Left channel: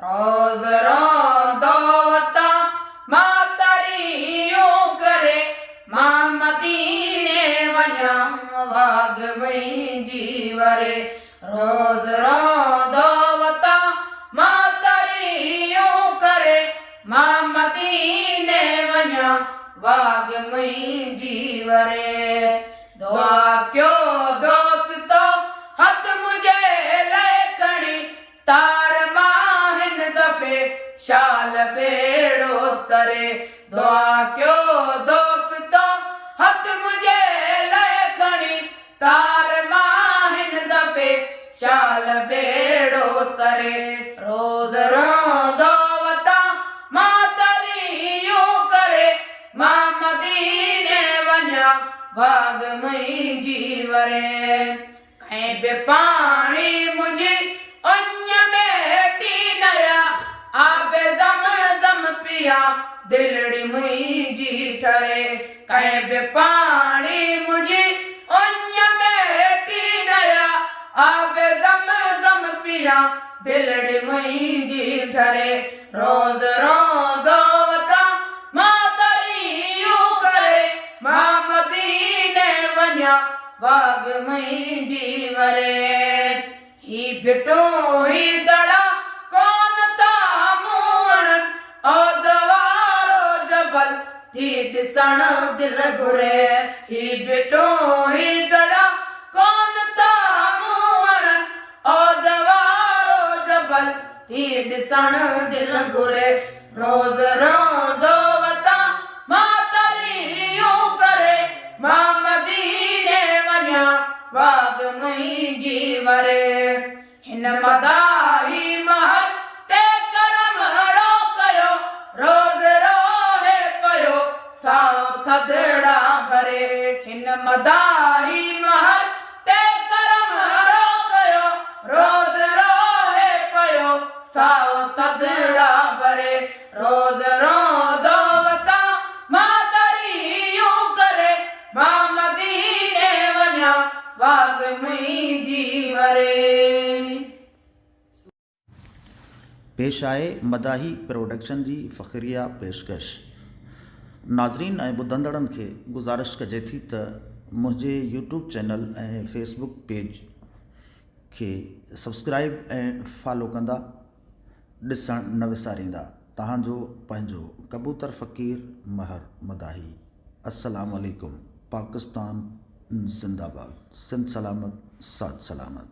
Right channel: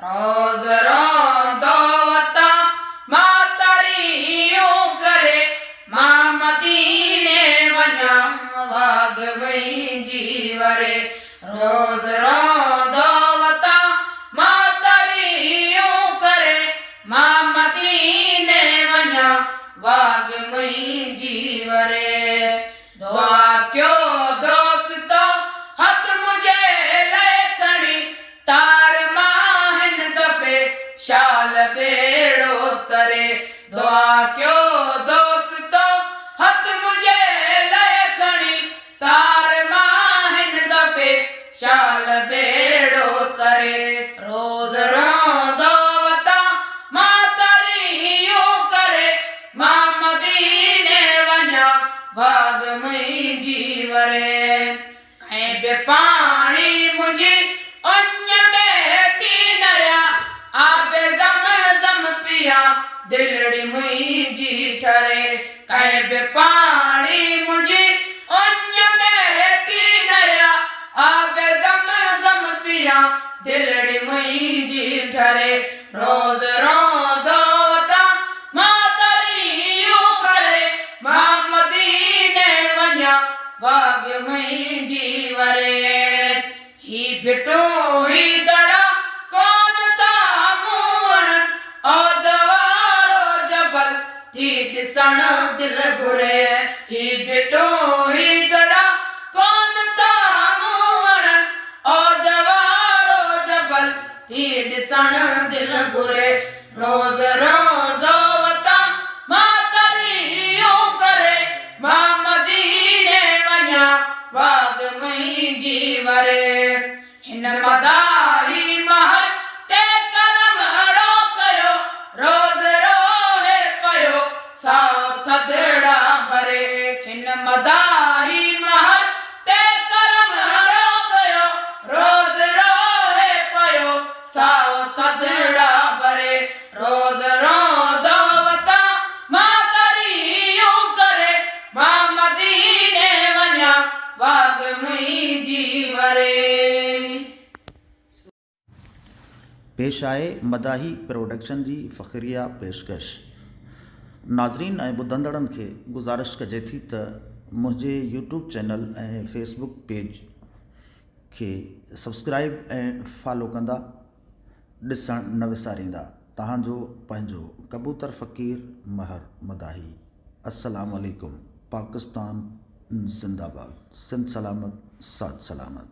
रोज़ रोंदो वता मातरियो करे मां मदीने वञा वाग मुंहिंजी वरे। रोज़ रोंदो वता मातरियो करे मां मदीने वञा वाग मुंहिंजी वरे। दुआ कयो दोस्तो हथ मुझे ले खड़ी तार मां हिन दफ़े शाल बेड़ो तरे। दुआ कयो दोस्तो हथ मुझे ले खड़ी तार मां हिन दफ़े शाल बेड़ो तरे। रोज़ रोंदो वता मातरियो करे मां मदीने वञा वाग मुंहिंजी वरे। कंहिं बि पाणी मुंहिंजी उञ बेटी नया आबे ज़मज़म पिया दिलड़ी मुंहिंजी ठरे। कंहिं बि पाणी मुंहिंजी उञ बेटी नया आबे ज़मज़म पिया दिलड़ी मुंहिंजी ठरे। रोज़ रोंदो वता मातरियो करे मां मदीने वञा वाग मुंहिंजी वरे। ही भिटो ही दड़ा कोन था मूणन औदवारो जबल थी ॾिसण दिल घुरे। ही भिटो ही दड़ा कोन था मूणन औदवारो जबल थी ॾिसण दिल घुरे। रोज़ रोंदो वता मातरियो करे मां मदीने वञा वाग मुंहिंजी वरे। हिन मदाही महल ते करमड़ो कयो रोज़ रोहे पयो साओ थदड़ा भरे। हिन मदाही महल ते करमड़ो कयो रोज़ रोहे पयो साओ थदड़ा भरे। रोज़ रोंदो वता मातरियो करे मां मदीने वञा वाग मुंहिंजी वरे। पेश आहे मदाही प्रोडक्शन जी फ़ख़्रिया पेशकश। नाज़रीन ऐं ॿुधंदड़नि खे गुज़ारिश कजे थी त मुंहिंजे यूट्यूब चैनल ऐं फेसबुक पेज खे सब्सक्राइब ऐं फॉलो कंदा ॾिसण न विसारींदा। तव्हांजो पंहिंजो कबूतर फ़क़ीर महर मदाही। अस्सलाम वालेकुम। पाकिस्तान ज़िंदाबाद। सिंध सलामत साद सलामत।